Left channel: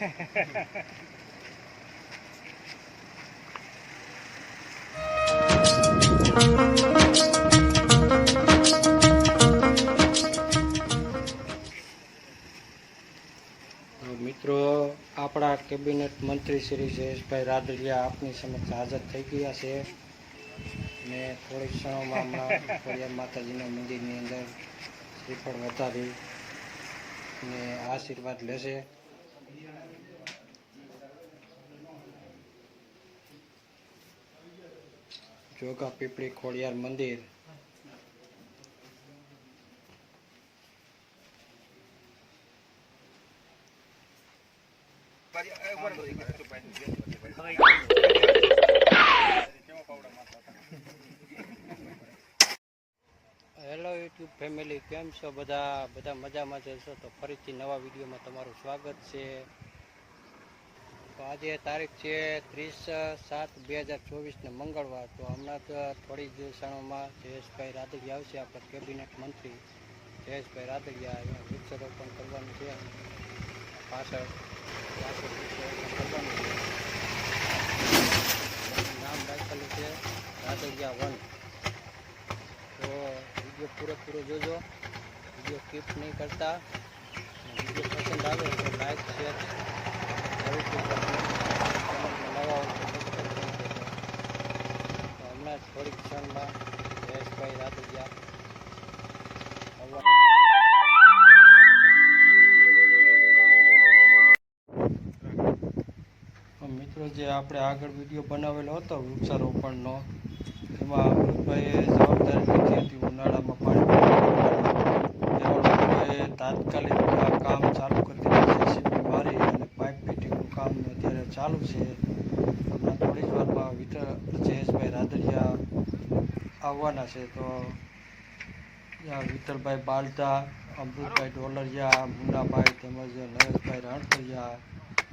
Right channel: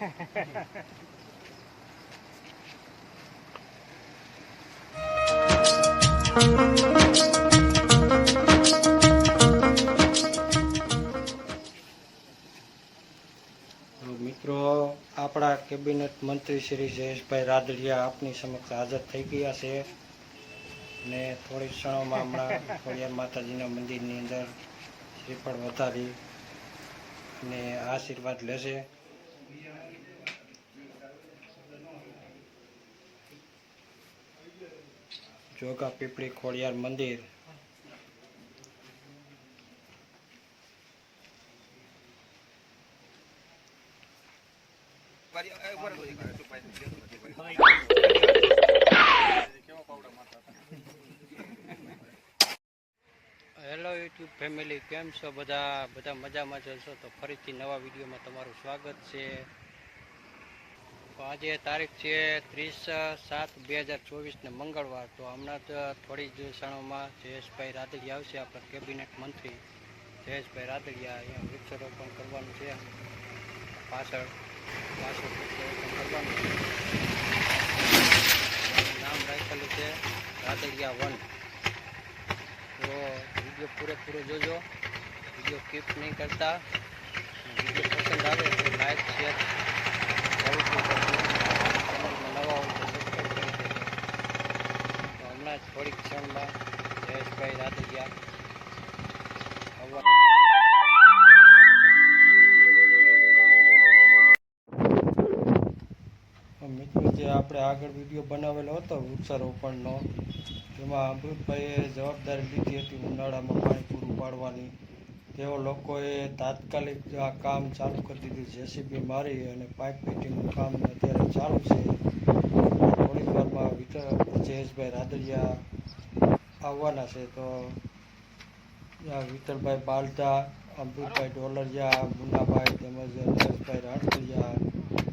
મિત્રો, આપણા કેબિનેટ મંત્રી શ્રી જયેશભાઈ રાદડિયા આપની સમક્ષ હાજર થઈ ગયા છે ને થોડીક ક્ષણોમાં હમણાં ખોડિયાર માતાજીના મંદિરની અંદર શ્રીફળ વધારી ને આશીર્વાદ લેશે. જોગા પીપળી ખોડિયાર મંદિર. હેલો યુટ્યુબ ફેમિલી, કેમ છો બધા મજામાં જશો? તો ફરીથી નવા વિડીયોમાં તમારું સ્વાગત છે. તો આજે તારીખ છે 30/7/2024 ને મંગળવાર. તો હમણાં જ થોડી જ ક્ષણોમાં જયેશભાઈ રાદડિયા આવશે, આપણા કેબિનેટ મંત્રી જયેશભાઈ રાદડિયા. અહીંયા વૃક્ષારોપણ કરવાનું છે, પાછળ વૃક્ષારોપણ કરવાનું છે. નામ રાખેલું છે રાદડિયા 1. તો વિડીયો પૂરેપૂરો જોજો, વિડીયો સ્કીપ નહીં કરતા. વિડીયો પસંદ આવે તો લાઈક શેર જરૂરથી કરજો. ચેનલમાં નવા હોય તો સબસ્ક્રાઈબ કરી દેજો. તો હમણાં જ થોડીક ક્ષણમાં જયેશભાઈ રાદડિયા મિત્રો, જે આપણે આગળ વિડીયો બનાવેલો હતો વૃક્ષારોપણનો, એમાં અમૃતભાઈએ જવાબદારી લીધી હતી ઉનાળામાં પાણી પૂરું પાડવાની. એવા લોકોએ તાત્કાલિક આ કામ ચાલુ કરી દીધું. જેસીબી મારી અને પાઇપ ફિટિંગનું કામ અત્યારે ચાલુ છે. થોડી જ વારમાં જયેશભાઈ રાદડિયા આવવાના છે. તો વિઠ્ઠલભાઈ બાલદા, અમૃતભાઈ ડોલરિયા, મુન્નાભાઈ તેમજ નરેશભાઈ રાણપરિયા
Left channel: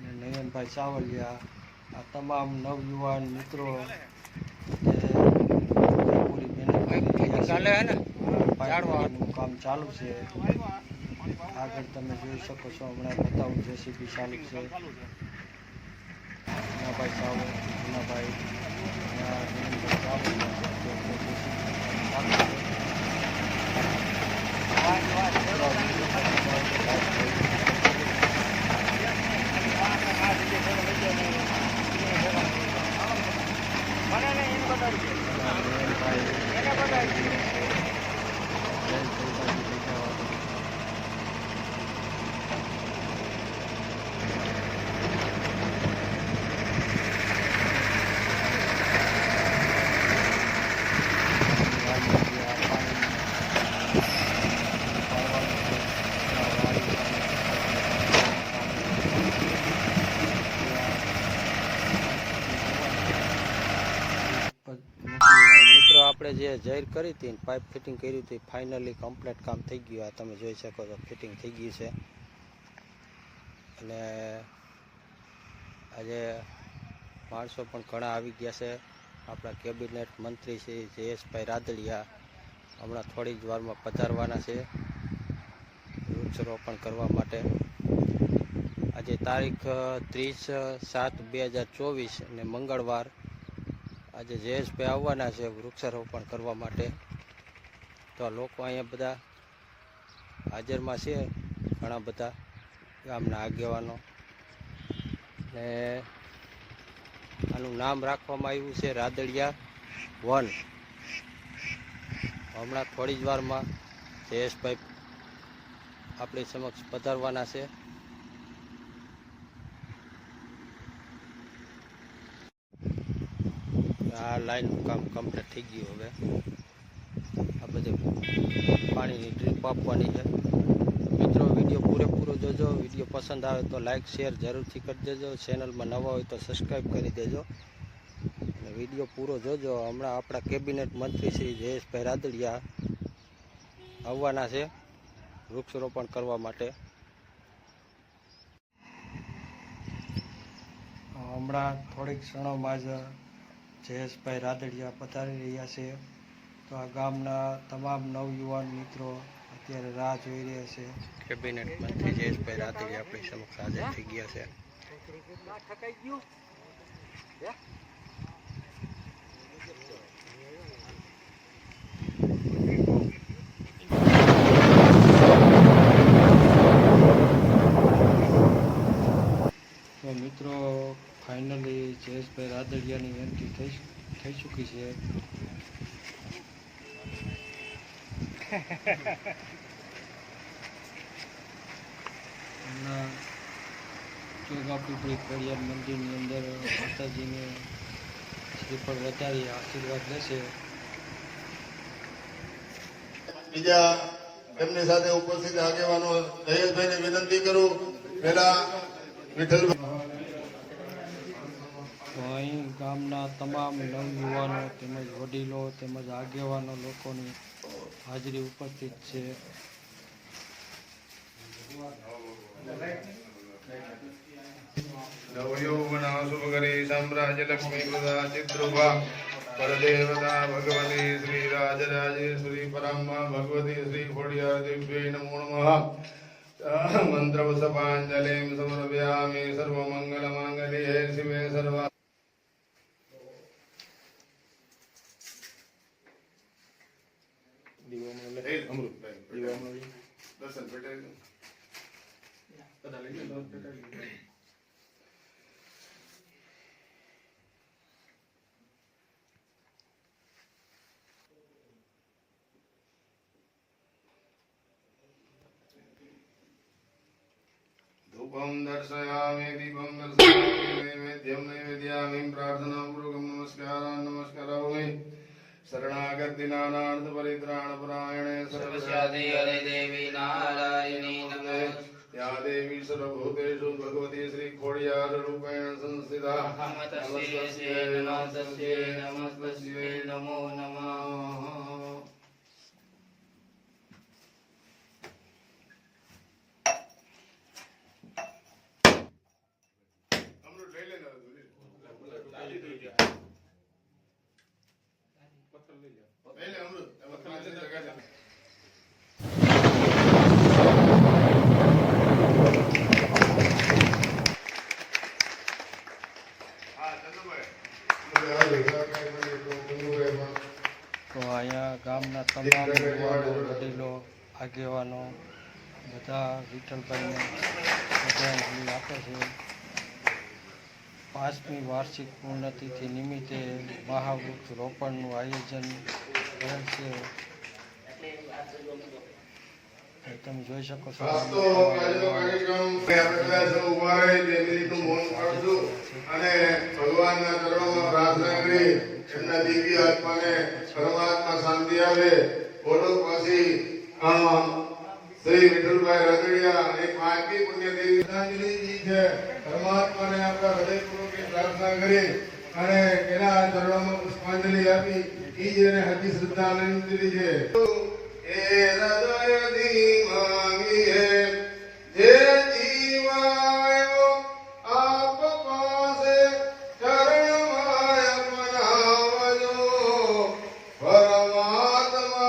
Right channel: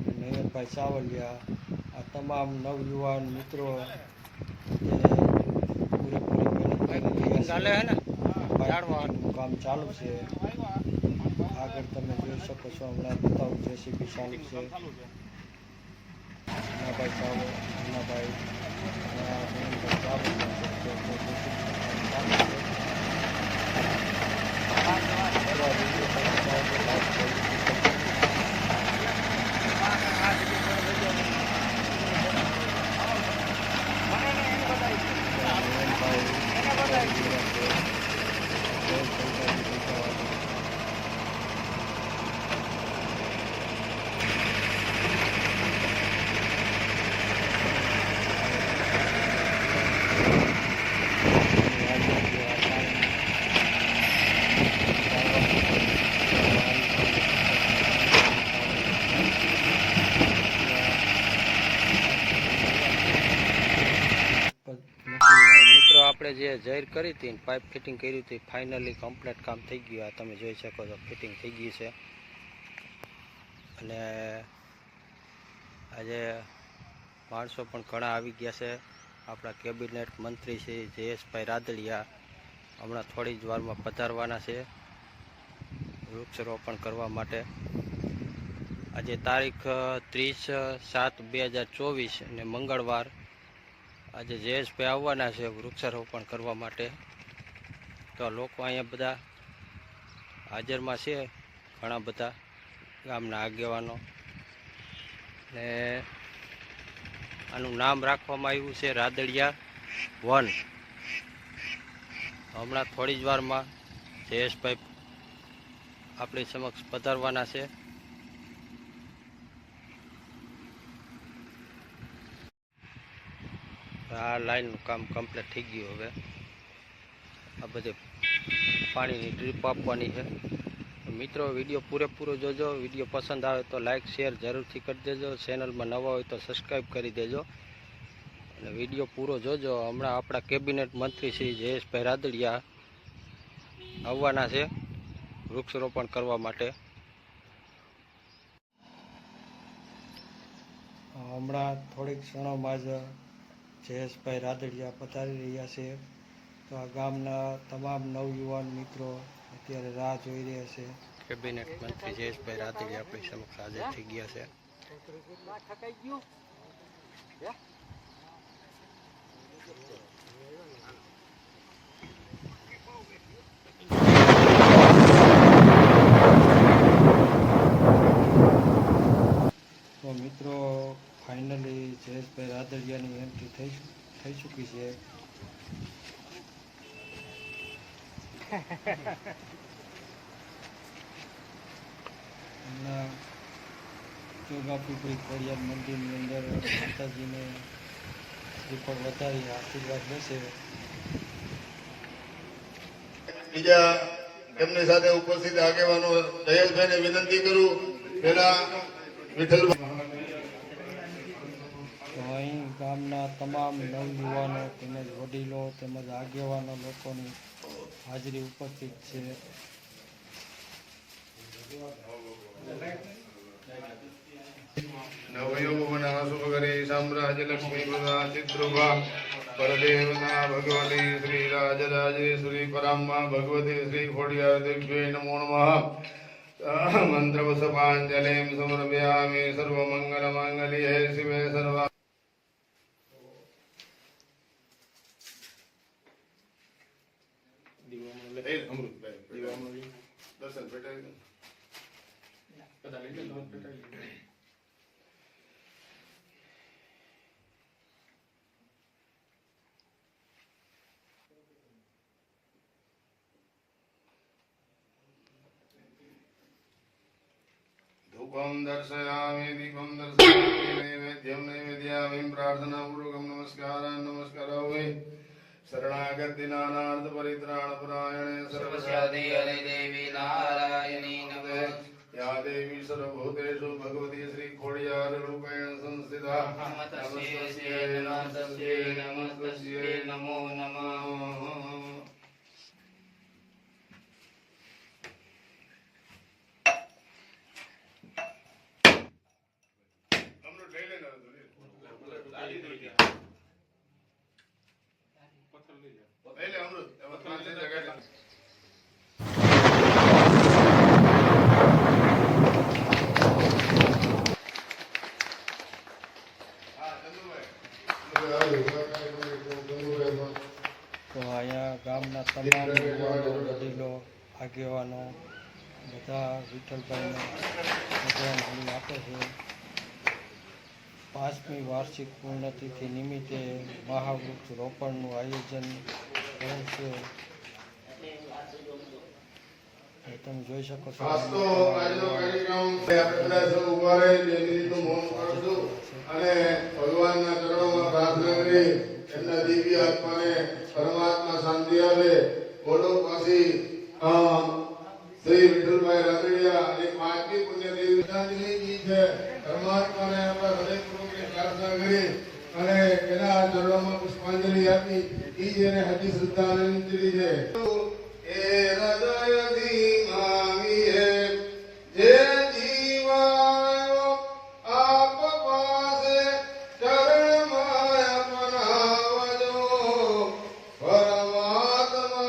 અને નયનભાઈ ચાવલિયા, આ તમામ નવયુવાન મિત્રો નું કામ ચાલુ છે. આગળ તમે જોઈ શકો છો, હમણાં બતાવું. જેસીબી ચાલુ છે. મુન્નાભાઈ ચાવલ, મુન્નાભાઈ આપણે જે જાહેર કરી હતી, પાઇપ ફિટિંગ કરી હતી, ફાઇનલી કમ્પ્લીટ કામ થઈ ગયું. આ તમે જોઈ શકો છો, ફિટિંગ થઈ ગઈ છે. અને આજે માણસો પણ ઘણા આવી ગયા છે. આપણા કેબિનેટ મંત્રી શ્રી જયેશભાઈ રાદડિયા હમણાં થોડી જ વારમાં પધારવાના છે વૃક્ષારોપણ કરવા માટે. આજે તારીખ 30/7/2024 અને મંગળવાર. આજે જયેશભાઈ આવવાના છે વૃક્ષારોપણ કરવા માટે. તો લોકો અહીંયા બધા હાજરમાં છે, ઘણા બધા ગામના આગેવાનો. ને આનું નામ રાખવામાં આવ્યું છે રાદડિયા 1. હમણાં થોડી જ વારમાં જયેશભાઈ આપણી સમક્ષ પધારવાના છે. આ લાઈનનું કામ કમ્પ્લીટ થઈ ગયું. હવે આ બધે પાણીની ડ્રીપ આપવાની છે. મિત્રો, વિડીયો પૂરેપૂરો જોજો. વિડીયો પસંદ આવે તો લાઈક શેર જરૂરથી કરી દેજો. ચેનલમાં નવા હોય તો સબસ્ક્રાઈબ કરી દેજો અને વિડીયો પૂરો જોજો. હમણાં આપણા કેબિનેટ મંત્રી શ્રી જયેશભાઈ રાદડિયા આવવાના છે વૃક્ષારોપણ કરવા માટે. હમણાં થોડીક ક્ષણોમાં જ જયેશભાઈ રાદડિયા પધારી રહ્યા છે. તો આ ગામના તમામ નવયુવાન મિત્રો અત્યારે રાહ જોઈ રહ્યા છે. કેબિનેટ મંત્રી જયેશભાઈ રાદડિયા આપણી સમક્ષ હાજર થઈ ગયા છે. ઠકાઈ ગયું તો મિત્રો ફાઇનલી જયેશભાઈ રાદડિયાની એન્ટ્રી થઈ ચૂકી છે. હમણાં ચોગાપીપળી ખોડિયાર મંદિરની અંદર માતાજીને શ્રીફળ વધારી આશીર્વાદ લેશે. બીજા એમની સાથે ઉપસ્થિત આગેવાનો જયેશભાઈને વિનંતી કરું. પહેલા વિઠ્ઠલ તો અહીં ગામના તમામ નવયુવાનો તેમજ વડીલો તેમજ આગેવાનો લોકોની હાજરી ઉપસ્થિત છે. નવયુવનાસુભગરી સામ્રાજ્ય લક્ષ્મી પ્રદા ચિદ્રુભા પરદેવતા ભગવતી શ્રી રાજરાજેશ્વરી પરામ્મા ભગવતી શ્રી ખોડિયાર દેવ્યે નમો નમઃ. મંત્રપુષ્પાંજલિં સમર્પયામિ. સર્વમંગલમાંગલ્યે શિવે સર્વા धूपं दर्शयामि दीपं दर्शयामि नैवेद्यं नैवेद्यामि प्रार्थनापूर्वकं नमस्कारामि. शरणागत दीनानार्थ परित्राण परायणे सर्वस्यादि हरे देवी नारायणी नमः. या देवी सर्वभूतेषु भगवती श्री खोडियार रूपेण संस्थिता. नमस्ते नमो नमः. તો અહીંયા ગામના તમામ યુવાનો વડીલો આગેવાનો બધા વિઠ્ઠલભાઈને શ્રદ્ધાંજલિ આપે છે. 5મી વાર્ષિક પૂર્ણતિથિ નિમિત્તે મહાવૃક્ષ રોપણનું આયોજન કરેલ છે. તમે જોઈ શકો છો. અને ભગવાનના ચરણોમાં પ્રાર્થના કરી એમના દિવ્ય આત્માને પરમાત્મા શાંતિ આવે. બોલો પછી શ્રી વિઠ્ઠલભાઈ રાદડિયા એક 5મી પુણ્યતિથિ શ્રદ્ધાંજલિ છે. પરમાત્માને આપણા હૃદયપૂર્વકની પ્રાર્થના કરી અને એના ચરણોમાં પુષ્પાંજલિ આપી એ જ એને હજી શ્રદ્ધાંજલિ છે. એ હૃદયથી માંગી હે જે જીવાયો આપ પાસે ચરણમાં અપનાવજો. પરમાત્માએ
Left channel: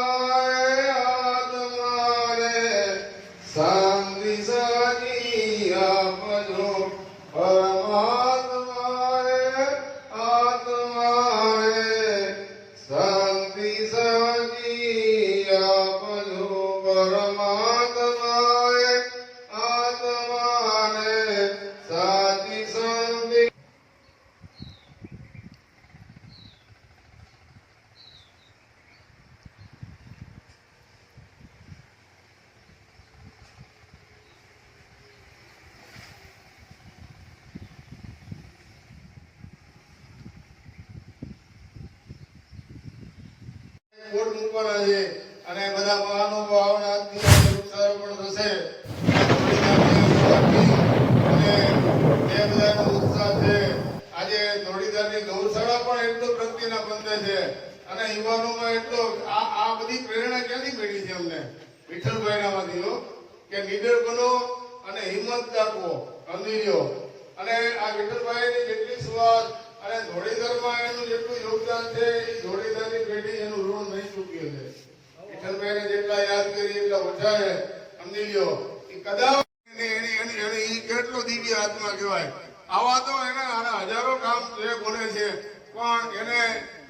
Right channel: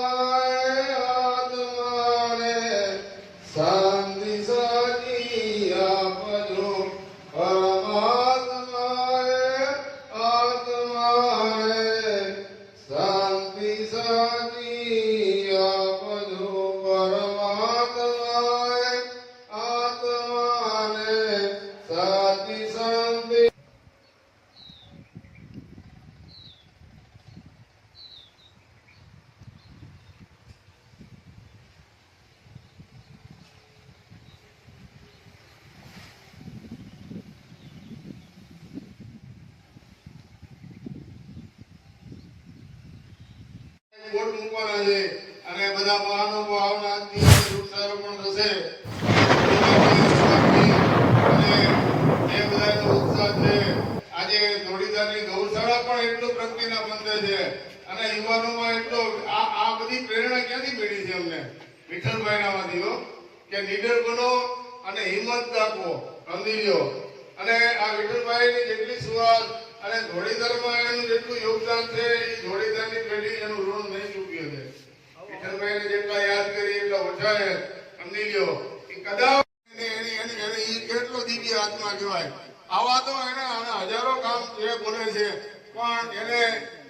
આત્માને શાંતિ સાચી આપજો. પરમાત્માએ આત્માને શાંતિ સાચી આપજો. પરમાત્માએ આત્માને સાચી શાંતિ. વોટ મૂકવાના છે અને બધા મહાનુભાવોના આજથી વૃક્ષારોપણ થશે. અને એ બધાનો ઉત્સાહ છે. આજે ધોળીધારની ગૌશાળા પણ એટલો પ્રગતિના પંથે છે અને યુવાનોમાં એટલો આ બધી પ્રેરણા ક્યાંથી મળી છે અમને? વિઠ્ઠલભાઈનામાંથી હો, કે નીડર બનો અને હિંમત રાખવો. સમજી લો. અને આ વિઠ્ઠલભાઈની જેટલી સુવાસ અને ધોળીધરમાં એનું જેટલું યોગદાન છે એ ધોળીધરની પેઢી એનું ઋણ નહીં ચૂક્યું છે. વિઠ્ઠલભાઈને જેટલા યાદ કરી એટલા ઓછા છે. સમજી લો. એ કદાચ એની કેટલો દિવ્ય આત્મા કહેવાય.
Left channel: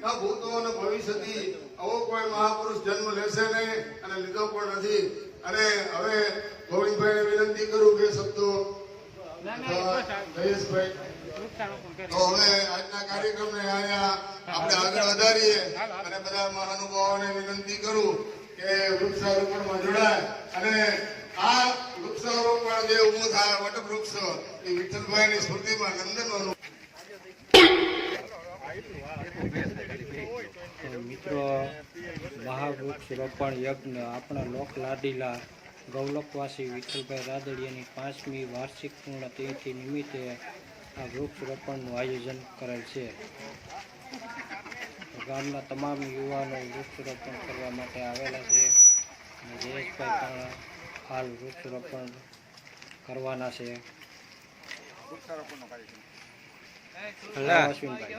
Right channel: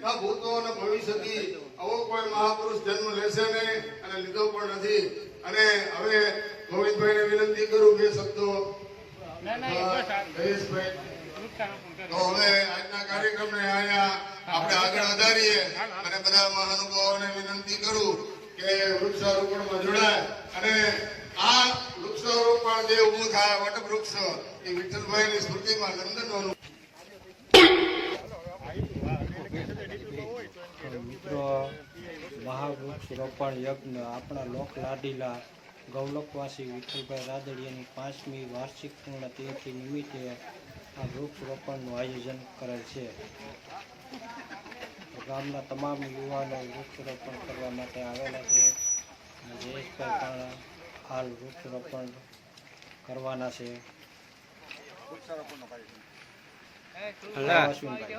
ન ભૂતો અને ભવિષ્યથી આવો કોઈ મહાપુરુષ જન્મ લેશે નહીં અને લીધો પણ નથી. અને હવે ગોવિંદભાઈને વિનંતી કરું બે શબ્દો. જયેશભાઈ, તો હવે આજના કાર્યક્રમને અહીંયા આપણે આગળ વધારીએ અને બધા મહાનુભાવોને વિનંતી કરું કે વૃક્ષારોપણમાં જોડાય. અને આ વૃક્ષારોપણ જે ઊભું થાય વટવૃક્ષ એ વિઠ્ઠલભાઈની સ્મૃતિમાં નંદનવન. મિત્રો, મહાવૃક્ષ રોપણ યજ્ઞ આપણા લોક લાડીલા ગૌલકવાસી વિઠ્ઠલભાઈ રાદડિયાની 5મી વાર્ષિક પૂર્ણતિથિ નિમિત્તે આ વૃક્ષ રોપણનું આયોજન કરેલ છે. ગામના તમામ યુવાનો વૃક્ષરોપણ કરવા માટે આવેલા છે. અને જયેશભાઈ પણ હાલ વૃક્ષરોપણ કરવાના છે. અશ્વિનભાઈ,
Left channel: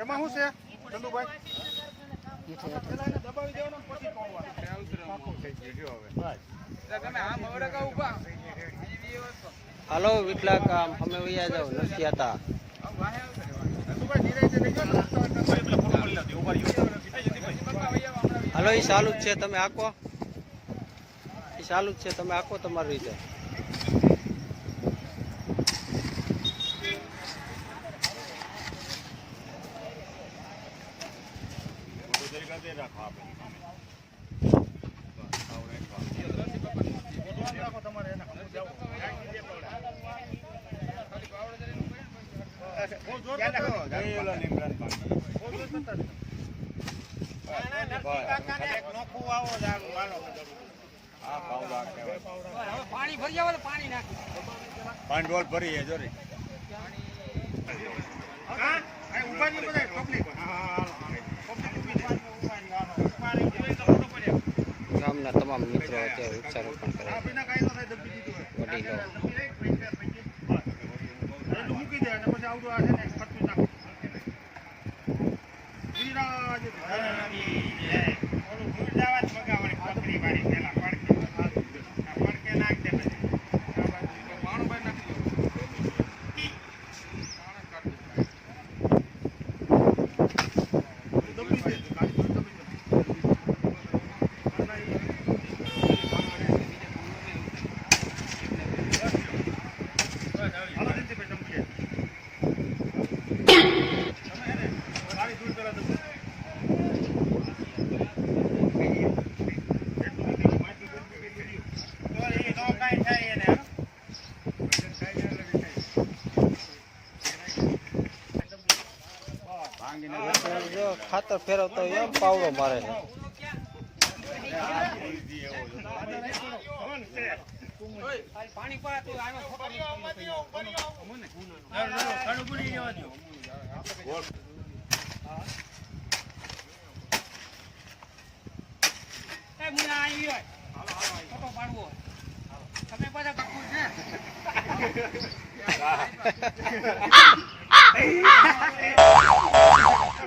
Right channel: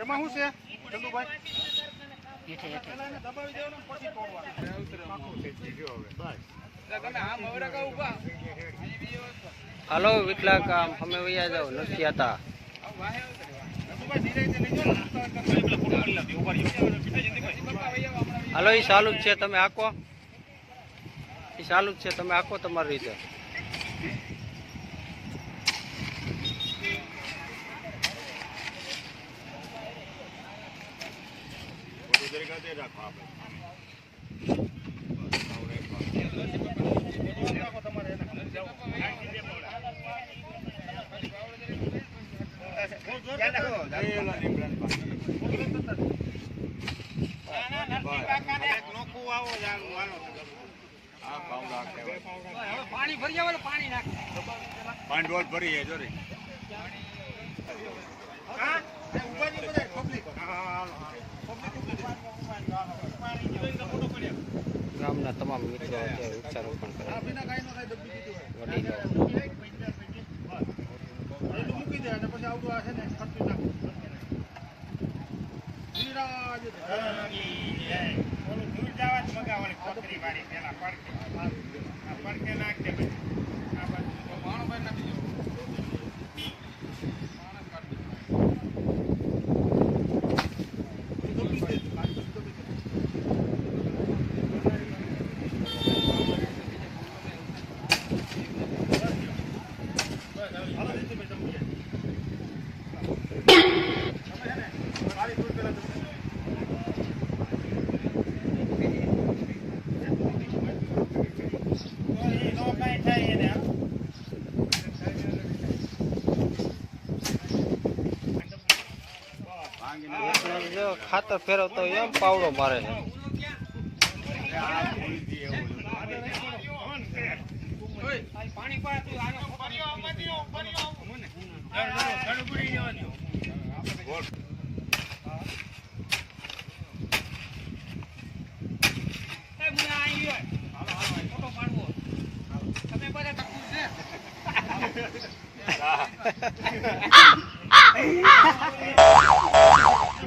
એમાં શું છે તમે આમ હવે ઉભા હાલો વિટલા કામ અમે વૈયા જાવ નથી આતા. હાલો એ ચાલુ જ છે, તમે આકો. એ ચાલુ જ છે, તમે આકો તમારી રીતે. પાણી ભરી આવે પાણી નાખ પાણી રોજ ભરી જોરી ગામના તમામ મિત્રો અત્યારે વૃક્ષારોપણ કરે છે. વડીલો મૂકી દે પછી આવડું આ છે ને ખર્ચું નાખું ઓલું દૂર જવા જ મગાવવાની પકડી મારી પેલા પડકે નાખ દે પછી પાણું ભાઈ નાખી દો. જો ખાતર ફેરવતો હોય એમ પાવડો મારે છે. પાણી પા તું આનો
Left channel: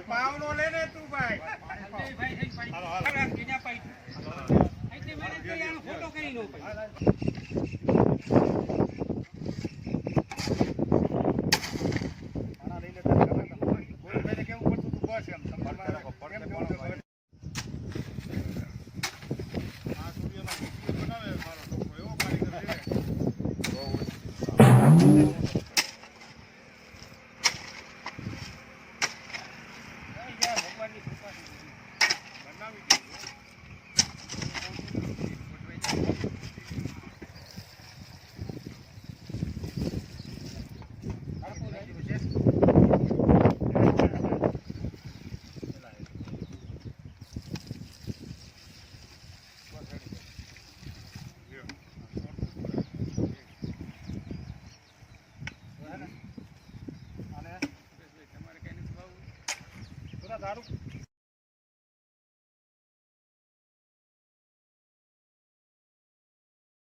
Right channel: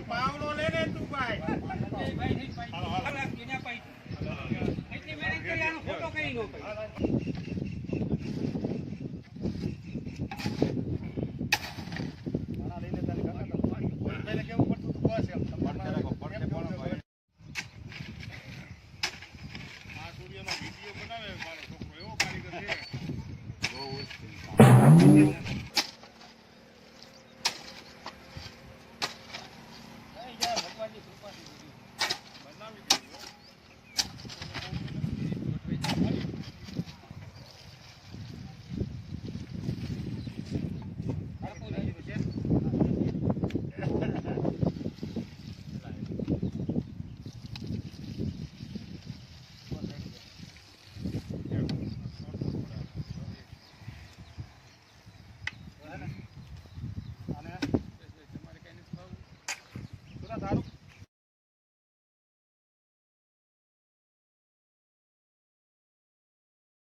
પાવડો લે ને તું ભાઈ ફોટો કરી લો. કેવું પડતું તું બસ એમ આ સૂર્યનો વિડીયો બનાવે મારો છોકરો એવો કારીગર છે ભગવાનની કૃપા બનાવી દીધું. તમારે કઈ નથી ભાવું દારૂ